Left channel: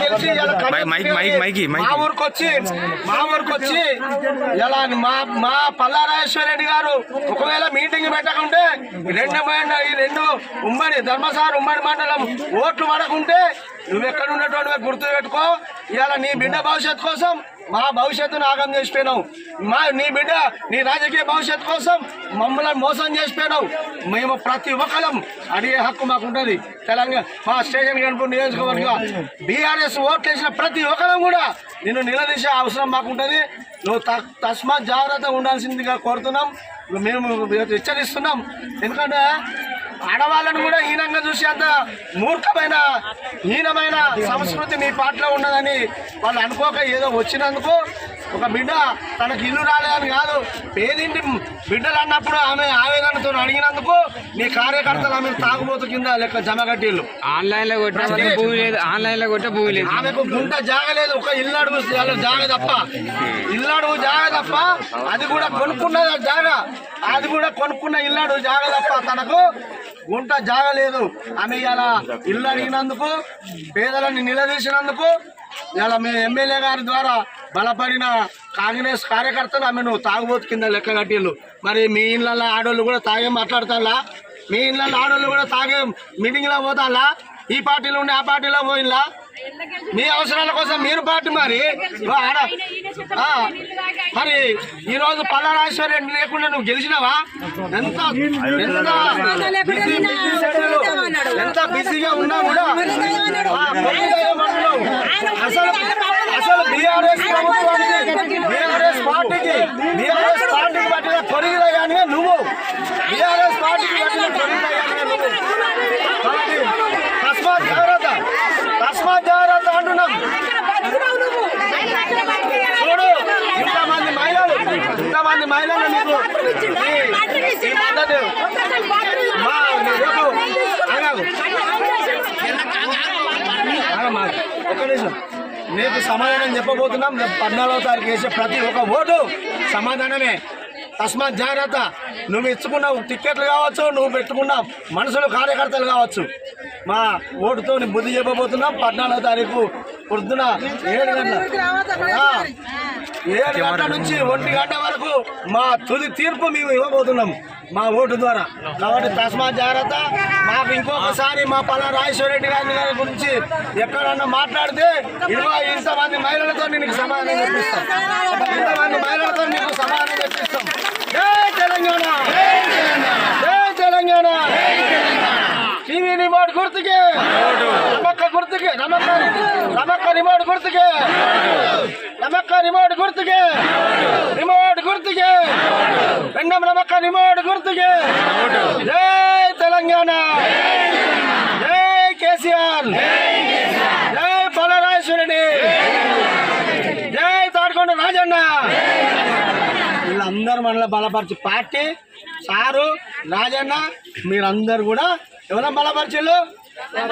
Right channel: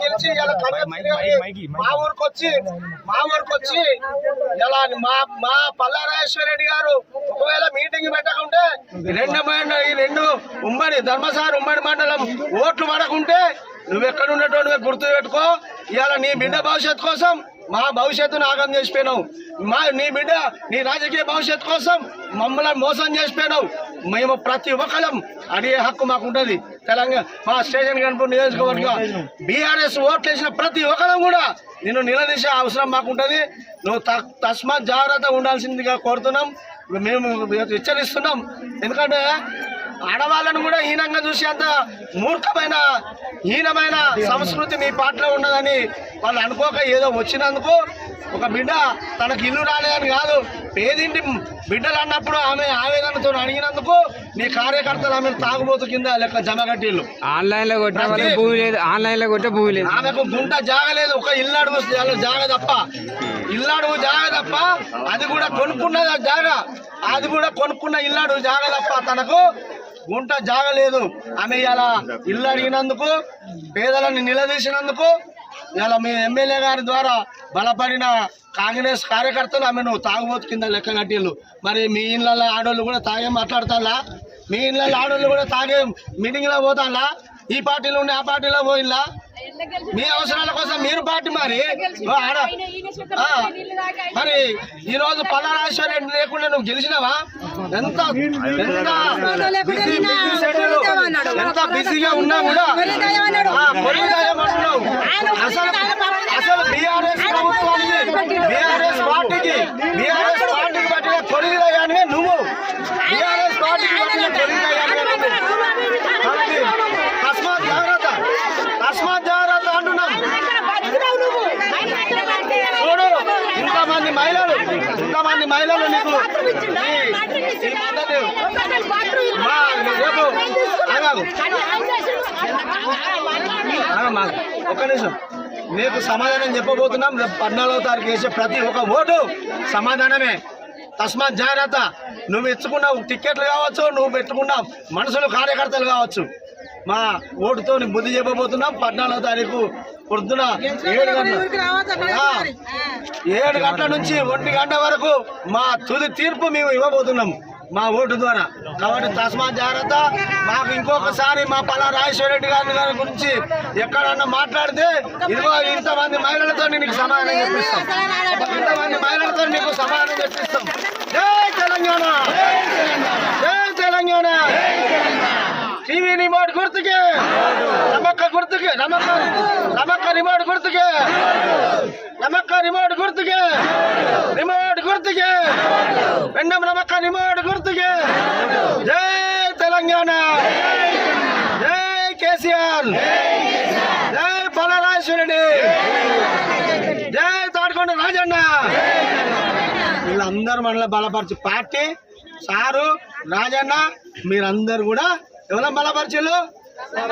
గెలిచి మైక్. మా ఊరికి వచ్చి మా ఊరికి వచ్చి ఇలా మా మా పల్లారాజేశ్వర రెడ్డి గారు ఒకవేళ మీటింగ్ పెట్టకుంటే రెండు ఈ రెండు ఉమ్మడి ధర్మసార్ ఉమ్మడి మండలం ఓట్లు పడకుంటే నువ్వు ఎక్కడ ఉన్నటువంటి గుర్తు పెట్టుకో ఇవాళ నీ బిడ్డ భవిష్యత్తు కోసం మా భవిష్యత్తును ఆగం చేసిపోయినావు. మా నీ బిడ్డ నీ రాజకీయ భవిష్యత్తు కోసం మమ్మల్ని మోసం చేసిపోయినావు. మేము ప్రతి ఒక్కరం అడిగే హక్కు మాకు ఉంటుంది తెలంగాణ మా స్టేషన్ కనుపూర్ నియోజకవర్గం. బీఆర్ఎస్ ఓట్లు వేసిన ప్రతి ఒక్కరం కూడా నిన్ను నిలదీసే అవసరం మాకు ఉంటుంది నువ్వు త- తస్మాత్ జాగ్రత్త ఉండాల్సిందిగా కోరుతున్నాం. మేము హెచ్చరిస్తున్నాం ఎందుకంటే ఆడవాళ్ళను కూడా హీనంగా చూసి అంత మూర్ఖమైన హీనమైన సంస్కృతి మీ పాటలో ఉన్నదని వాళ్ళు అనుకోక ఏదో వచ్చినందుకు ఒక బిడ్డ తనకి ఇల్లు రాలేదని కాదు పేదింటి బిడ్డలు అన్నప్పుడు ఆమె ఆవేదనతో అడిగినందుకు నీ కార్యకర్తలు ఆమె తాగుబోతు కింద లెక్క జమ కట్టిల్లు ఆన్లైన్లో లేదు ఆన్లైన్లో కొట్టే భూమి లేదు. ఆమెకు గుంట జాగలేదు ఒక ఇల్లు అడుగు జాగ తప్ప. ఇల్లు అడుగు జాగ తప్ప అది కూడా కొనుక్కున్న జాగ అది కూడా కొనుక్కున్న ఇల్లు అడుగు జాగ తప్ప తనకు గుంట జాగలేదు. ఆమె ఇలా ఇల్లు అడిగినందుకు పేదలని నిలదీసినందుకు ఇలా మీ ఎమ్మెల్యే గారి ద్వారా బలపడిన కాంగ్రెస్ కార్యకర్తలు ఆమెను తాగుబోతు కింద లెక్క కట్టిళ్ళు మరి మీ ఇళ్ళల్లో ఆడోళ్ళు కూడా తాగే మాట్లాడతాలా మీ ఇళ్ళల్లో ఆడోళ్ళు కూడా తాగే మీటింగ్లో పోతాలా ఈ పార్టీలో ఉండి ఆ పార్టీలో పోయిల్లా మీ అవసరాల కోసం మీరు పార్టీ మరి. మరి ఈ రోజు పల్లారాశ్వర రెడ్డి లేకుండా నువ్వు గెలిచినావా? ఎంత ఎంత బిజీగా ఉన్నా కూడా ఆ, కొడుకు దయ్యం అంటున్నావు. అసలు అసలు బీఆర్ఎస్ ప్రభుత్వానికి బీఆర్ఎస్ పార్టీకి పట్టిన కొడుకు దయ్యానివే నువ్వు బీఆర్ఎస్ పార్టీకి పట్టిన కొడుకు దయ్యానివే నువ్వు కాబట్టి తస్మాత్ జాగ్రత్త తస్మాత్ జాగ్రత్త అంటున్నాం చూడు ఇంతమంది మహిళలు ఇంతమంది మహిళలు నీకు ఈ- ఈ పద్ధతి మా రేపు ఆగాగు. ఆగమ్మా, ఒక్క నిమిషం. నీకు సమాధానం చెప్పబోతున్నాం. రేపు పద్నాలుగో తారీఖు వేసే ప్రతి ఒక్క ఓటు సమాధానమే. తస్మాత్ జాగ్రత్త. నువ్వు ఇచ్చుకున్న టిక్కెట్లు కావచ్చు నువ్వు పెట్టుకున్న మనుషులు కార్యకర్తలు కావచ్చు. మా ఓటుతో బుద్ధి చెప్పబోతున్నాం. పద్నాలుగో తారీఖు పొద్దున ఏడు గంటల ఏడు గంటల నుంచి ఒంటి గంట వరకు మా తుది తీర్పు మేము ఇవ్వబోతున్నాం. మా ఓటు ద్వారా. కాబట్టి తస్మాత్ జాగ్రత్త. మాకు ఇంకొకసారి మా పలా రెడ్డి గారి గారి గురించి ఎక్కడన్నా మాట్లాడితే ఇదిగో ఇంతమంది మహిళలతో నీకు సమాధానం చెప్పిస్తాం. ఇంతమంది మహిళలతో నీకు సమాధానం చెప్పిస్తాం. జై తెలంగాణ! జై తెలంగాణ! టీవీ రిమోట్ గుర్తుకే. నమ్మక్క గుర్తుకే. నమ్మక్క నమ్మక్క రిమోట్ గుర్తుకే. రిమోట్ గుర్తుకే. రిమోట్ గుర్తుకే. రెండం నమ్మక్క రిమోట్ గుర్తుకే. జై తెలంగాణ. జై కేసీఆర్. జై పలరాశ్వరుడి జై తాడుకొండ రాజన్న. వీళ్ళందరూ మనలో బలపరిచి పార్టీ సారు రాజన్న మీరందరు కూడా ఎవరైనా బలపరిచారు